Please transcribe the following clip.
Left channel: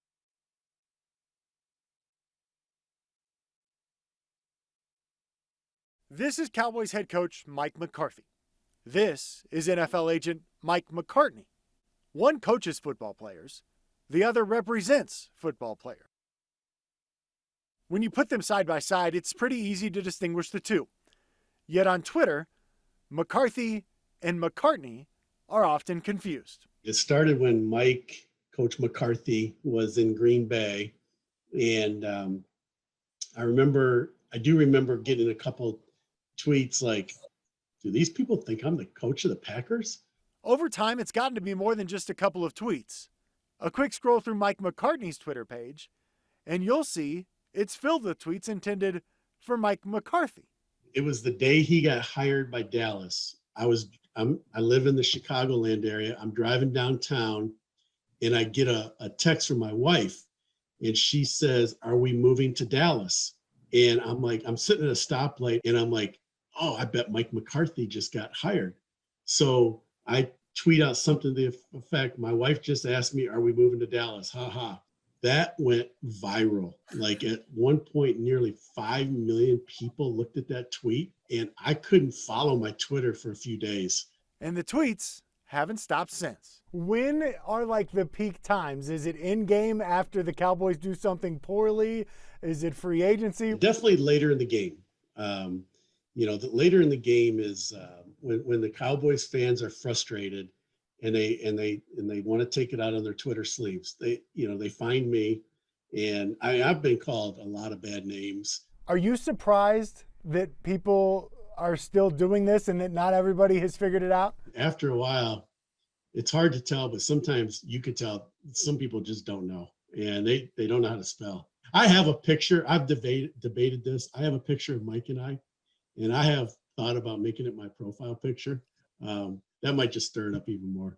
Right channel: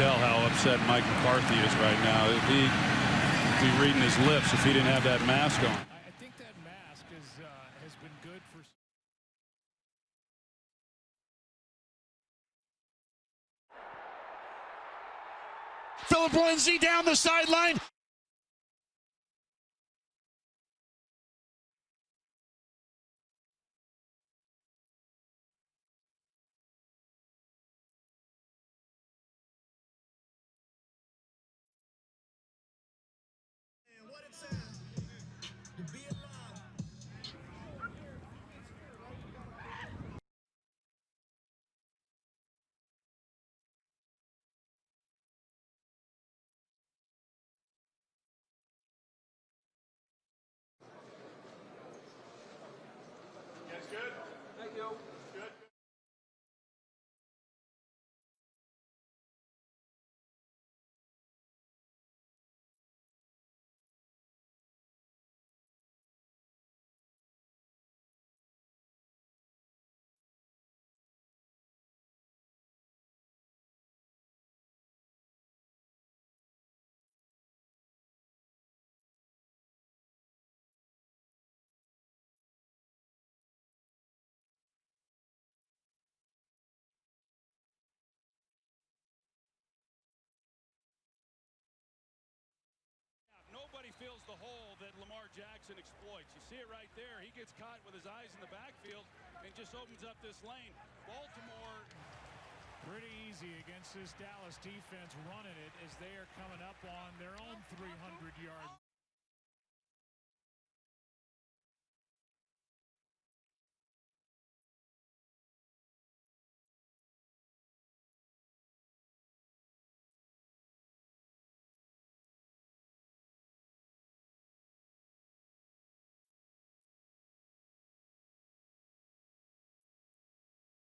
tell how upset Mike McCarthy is right now. If he'd be reading his lips if he didn't have that mask on. This is Cowboys head coach Mike McCarthy. This is NFL agent Mike McCartney. One coaches football players, the other represents football players. Philip Lindsay down the sideline. When you put them side by side, it's pretty easy to distinguish the two. Yet on Twitter, McCarthy and McCartney are often confused. It started when Coach McCarthy was in Green Bay. And I do remember getting a couple tweets like, do these people think I'm the coach of the Packers? Over time, it's gotten to be more than just a couple of tweets. A quick scroll through Mike McCartney's Twitter page, and you'll see it's filled with tweets intended for Mike McCarthy. It was the day he got hired by Dallas. I live in the Chicagoland area. I'm driving downtown, and I get a text from my wife, and she says, "Are we moving to Dallas?" And I'm sitting at a stoplight, and I'm like, oh, I bet Mike McCarthy just got hired. So I tweet out something to the effect, my wife just asked me, are we moving to Dallas? Ha ha. That went viral. Like at one point, nearly 5 million people looked at that tweet, and I couldn't follow my Twitter for a few days. And the tweets haven't stopped since. When are like the peak times? Is it in game after the Cowboys do something poorly? Is it free agency? Definitely later in the game. Later in the game is when the Cowboys fans are frustrated and they want to take it out on their Twitter sleeves. They find me, and I've been called a lot of bad names. Are you surprised that people are still doing this and that not everybody has figured it out? After a while, it's hard to tell, but sometimes you could tell some people just don't know, and they don't know how to spell. I have a picture. I've debated this. I have a picture of Mike and I have thought about making it my profile picture. That might just stir it up even more.